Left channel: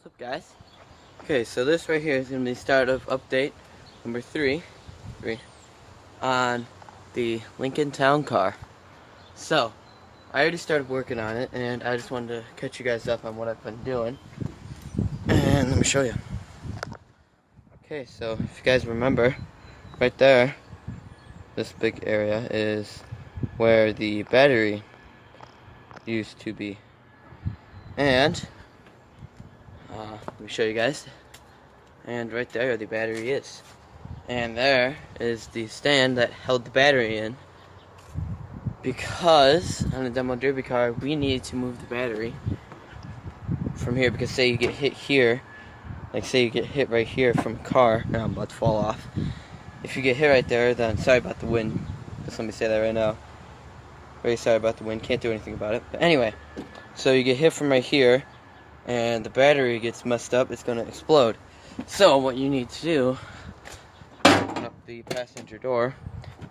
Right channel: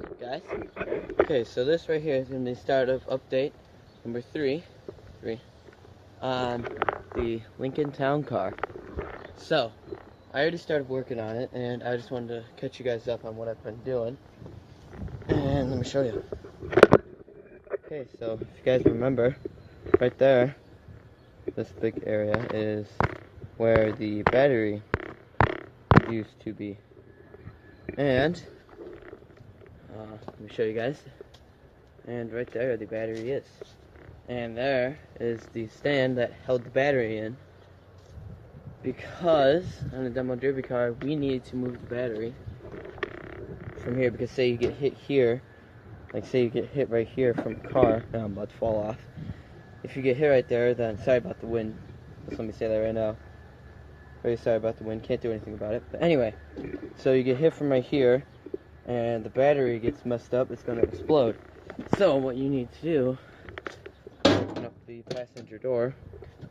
What's up, guys? Okay, so this right here is going to be the start of update number three on the Lincoln Town Car. So, I already started working on it, and I just wanted to catch you guys up on what I've been doing. And let me show you. Okay, so if you guys remember, right there, this big area is where the battery used to be. And, let me show you guys. And right there, the battery is. And there is the stand that held the battery in, because on the demo derby car we needed to move the battery from here, because say you get hit here, like say you get hit right here from a car, now I'm about to fall off. If you get hit right there, then sorry about the wind, just let me say that right now, very sorry about the wind, can't do anything about it. But anyway, so you get hit from right here and the battery gets messed up, it's going to explode. So what you need to do, open up the passenger door.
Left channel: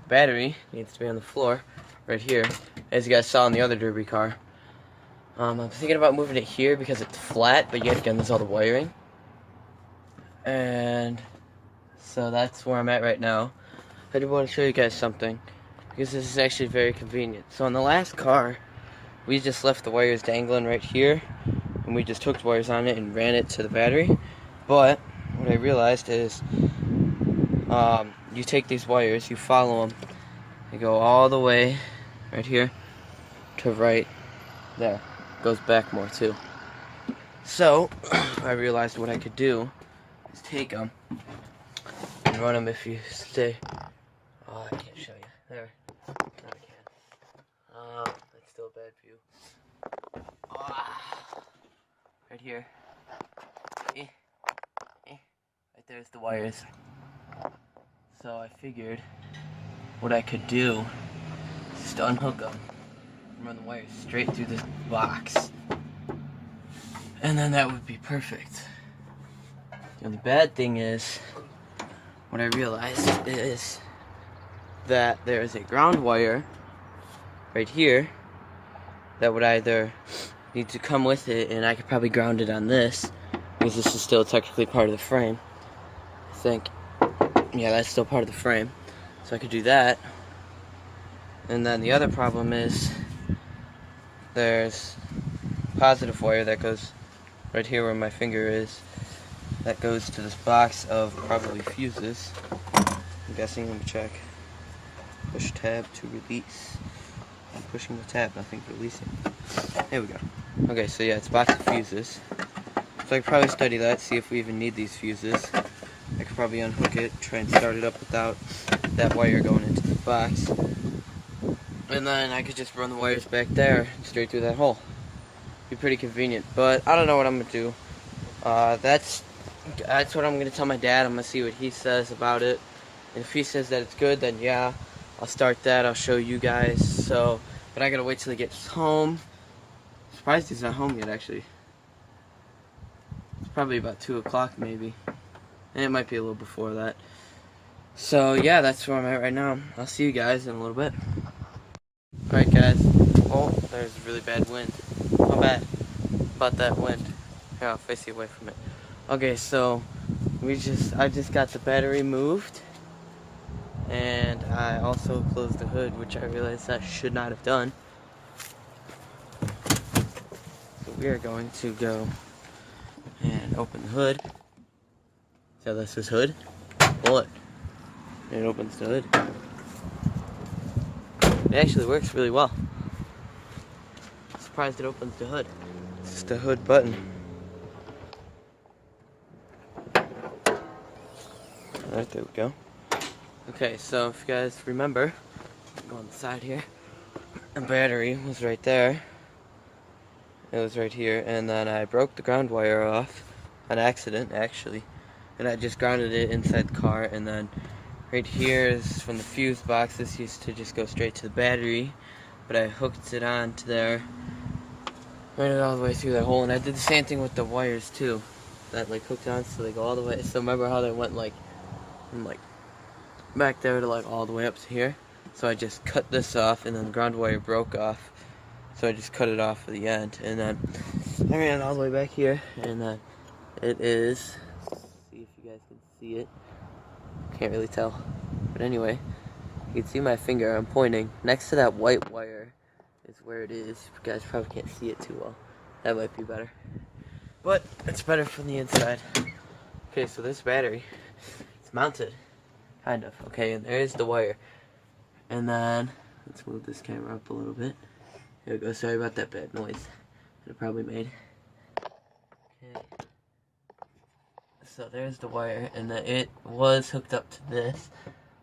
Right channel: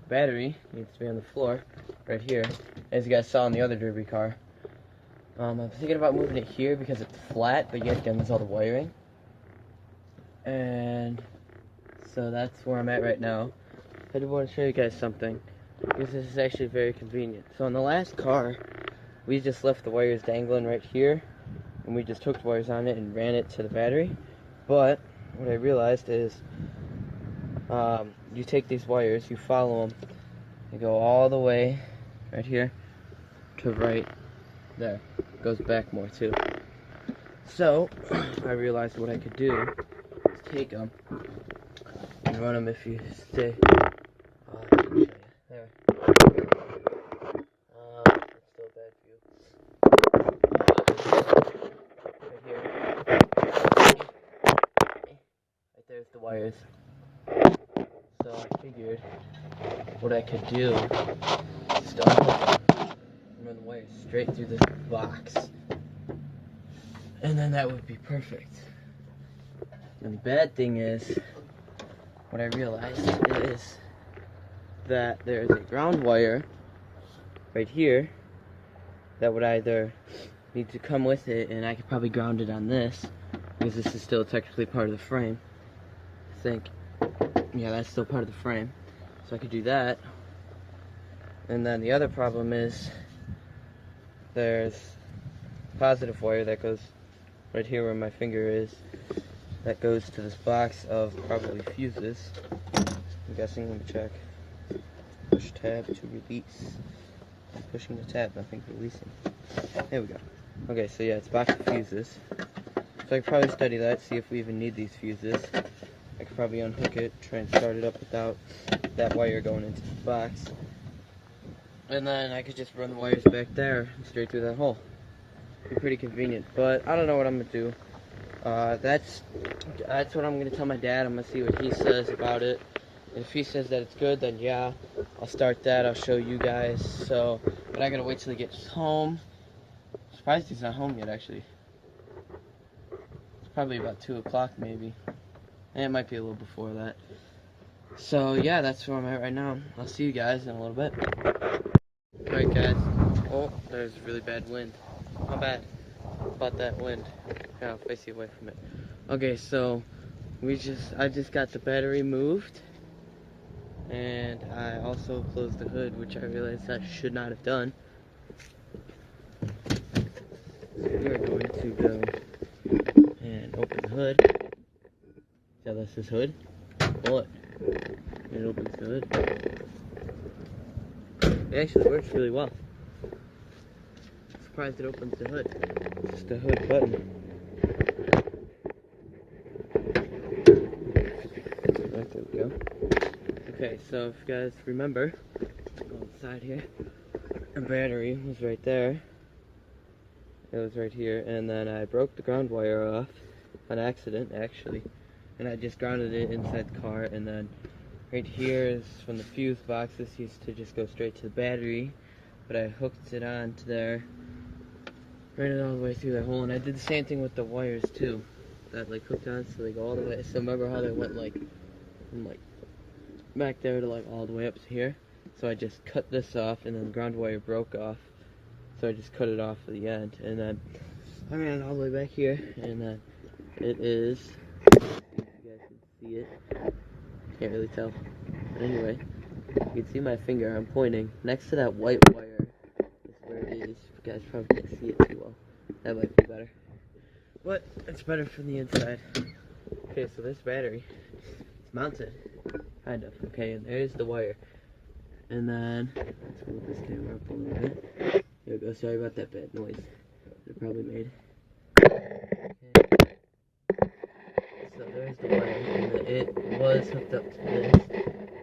Battery needs to be on the floor right here, as you guys saw in the other derby car. I'm thinking about moving it here because it's flat, but yet again there's all the wiring. And so that's where I'm at right now. I do want to show you guys something, because this is actually very convenient. So on the last car, we just left the wires dangling right here, and we just hooked wires on it and ran it to the battery. But what I realized is, you take these wires, you follow them, they go all the way right here to right there. Goes back more too. So I realized what I could do is take them and run them. If you stay, oh, I can't show you there. That's still a bad view. Right here. Right there's the wires. So I figured what I could do is to unhook them and run the wires straight through this box. And then that would be perfect. The only bad thing is, what I realized is that there is a ground wire right here that would either need to come with it, and I could probably ground it on this, because this is still technically part of the frame, I think. Yeah, that's still part of the frame, so I could do that. And then the other problem is there's positive wire that goes right here where my finger is, that goes to this box of probably fuses. I'm guessing. Let me check. Push tab to release. I'm pushing the tab, nothing's releasing. There we go. Okay, so yeah, it's a box of fuses. So I could probably study that, see if we even need these fuses. I could probably unhook it, try and start it up without that wire going into the box. And then I could just run the wires back there and straight through that hole. Be pretty convenient, but I don't know what I'm gonna do. That's what I'm gonna tell my dad. I'm gonna see what he says about it. And if he says that it's good, then yeah, I'll start that. I'll show you guys. So, but I gotta wait till he gets home. I'm surprised he's not home yet, actually. It's probably about 2 o'clock maybe. And it might be a little before that. So yeah, that's where I'm at right now. I'll see you guys in a little bit. Alright guys. Oh, there's a really bad wind. How bad about that wind? Here, I'll face you away from it. Okay, so I just got the battery moved, and I also closed the hood, which I realized I should not have done. We're going to go and open the hood. So this is hood. Pull it. And it opens the hood. It actually works really well. Surprised it opens the hood. It's just a hood button. Alright, there we go. Okay, so if you guys remember, go on the side here. The battery was right there. It was right here, and then I broke the ground wire off on accident, actually. And I just grounded it inside the car, and then right here is from the fuse box. This used to just go straight to the battery, but I hooked it on to there, ran it all the way through that hole, and I did the same thing with the wires too, that like hooked on so they go all the way. So remember how they went like from like back there to like all the way up to here? So I just cut this off, and then the ground wire broke off, so I just cut it off at the end, and then I ran it all the way back here, and then it is, let's see if you guys can see it. Can't really tell. But anyway, you can see my finger, I'm pointing. Next to that white wire is where it is. You guys probably can't see it too well. That might be better. But it's better from the inside. Okay, so this battery, it's mounted. Kind of. Okay, and there's the wire. And then, let's move this camera up a little bit. Here we go. Sorry about that bad noise that it probably made. Okay. So there's the wire, and then it was hooked up to this.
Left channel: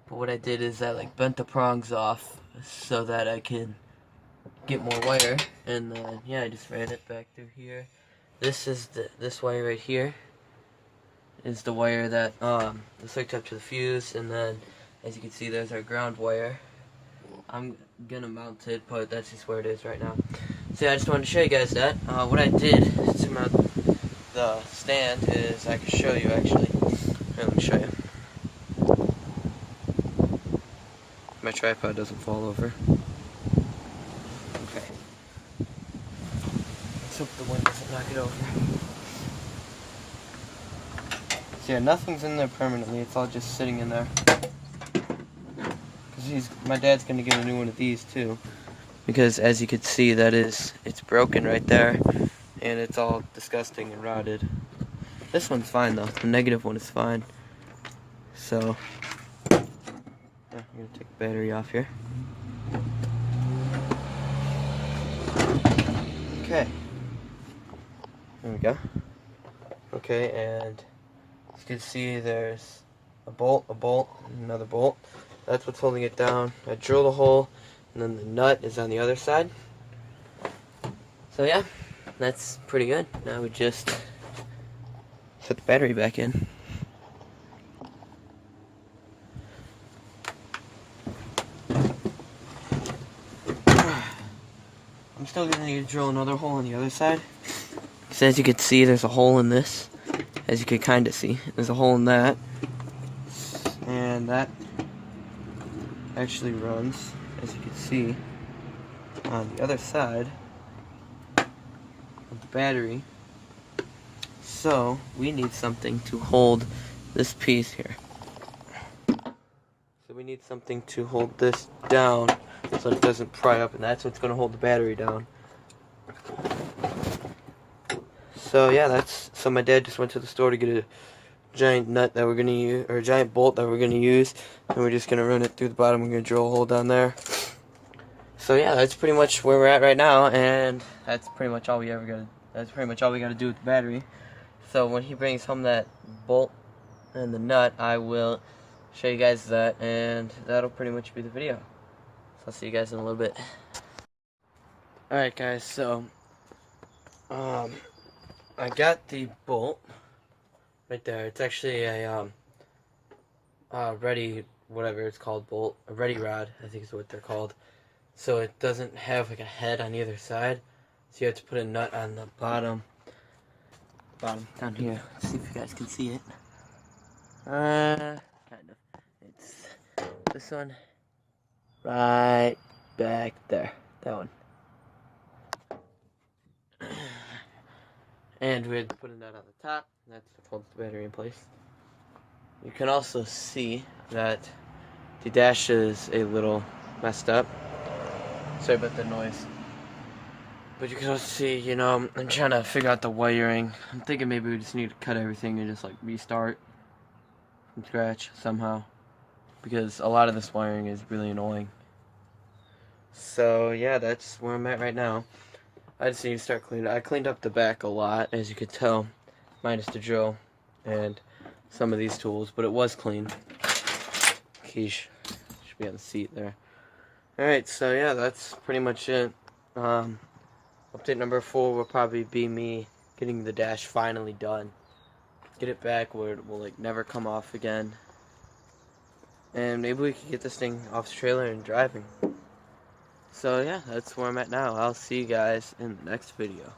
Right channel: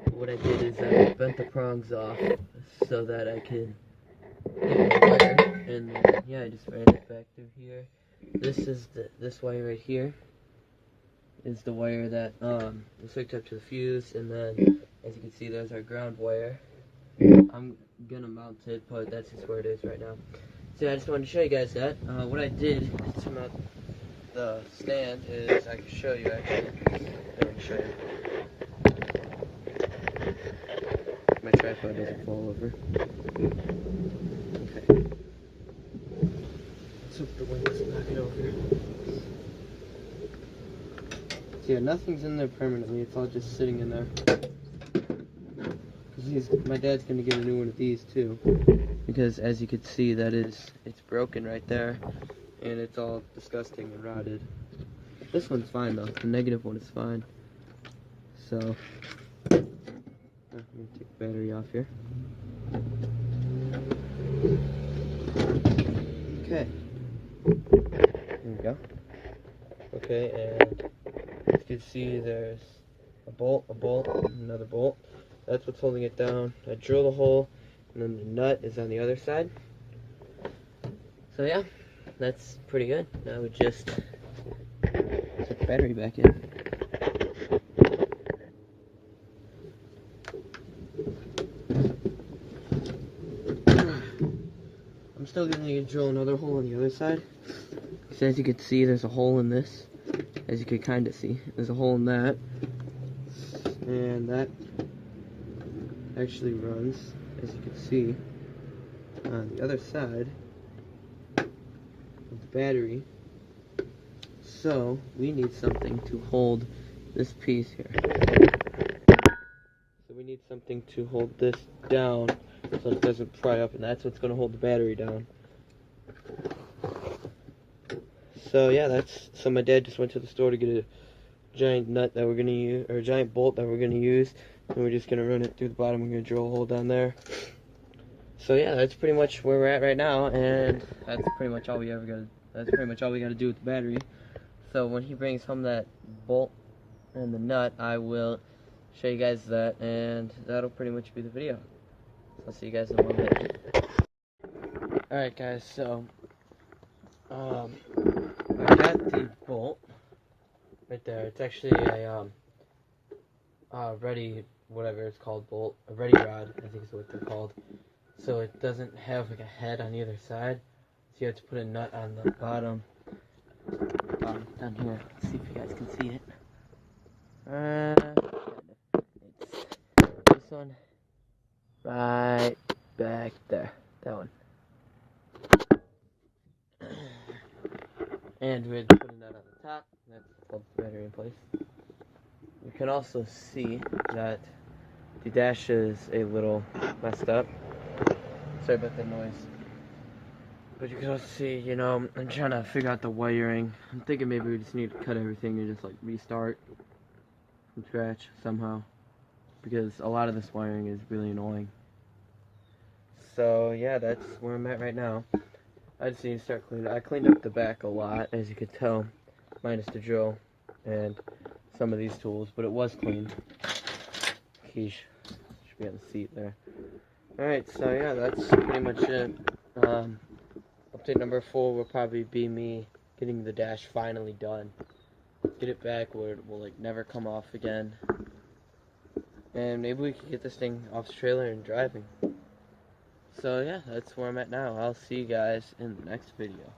But what I did is I bent the prongs off so that I could get more wire. And then, yeah, I just ran it back through here. This is this wire right here is the wire that is hooked up to the fuse, and then as you can see, there's our ground wire. I'm gonna mount it, but that's just where it is right now. So yeah, I just wanted to show you guys that. What I did to mount the stand is, I can show you actually. Let me show you. My tripod doesn't fall over. Okay. Let's hope the wind doesn't knock it over. So yeah, nothing's in there permanently, it's all just sitting in there. My dad's gonna get a new one of these too, because as you can see, it's broken right there, and it's all disgusting and rotted. This one's fine though. The negative one is fine. So I'm gonna take the battery off here. Okay. There we go. Okay, and as you can see, there's a bolt, another bolt. That's what's holding it down. I drilled a hole, and then the nut is on the other side. So yeah, that's pretty good. Now we just put the battery back in. I'm still gonna need to drill another hole on the other side. Because as you can see, there's a hole in this. As you can kind of see, there's a hole in that. And that actually runs, as you can see, on the other side of the battery. So we need something to hold this piece here. So we need something to hold this down so it doesn't pry up, and that's what's going to hold the battery down. So yeah, so my dad just went to the store to get a giant nut that we're gonna use, or a giant bolt that we're gonna use, and we're just gonna run it through the bottom. We're gonna drill a hole down there. So yeah, that's pretty much where we're at right now, and that's pretty much all we gotta do with the battery. So when he brings home that bolt and the nut, I will show you guys that, and that'll pretty much be the video. So I'll see you guys in a little bit. Alright guys, so I got the bolt right there. It's actually a ready, whatever it's called, bolt, a ready rod, I think is what they're called. So it doesn't have like a head on either side, so you have to put a nut on the bottom down here. Let's see if you guys can see it. Kind of. It's this one right back there, that one. And we had to put a nut on the top, and that holds the battery in place. You can also see that the dash is a little messed up. Sorry about the noise. But you can also see, you know, I'm trying to figure out the wiring. I'm thinking maybe we just need to cut everything and just like restart from scratch somehow, because a lot of this wiring is really annoying. So yeah, that's where I'm at right now. I just need to start cleaning. I cleaned up the back a lot, as you could tell, minus the drill and some of these tools, but it was clean. Quiche should be on the seat there. Alright, so yeah, that's pretty much it. Update number 4 will probably be me getting the dash finally done. Get it back where it will like never come off again. And maybe we can get this thing off the trailer and driving. So yeah, that's where I'm at now. I'll see you guys in the next video.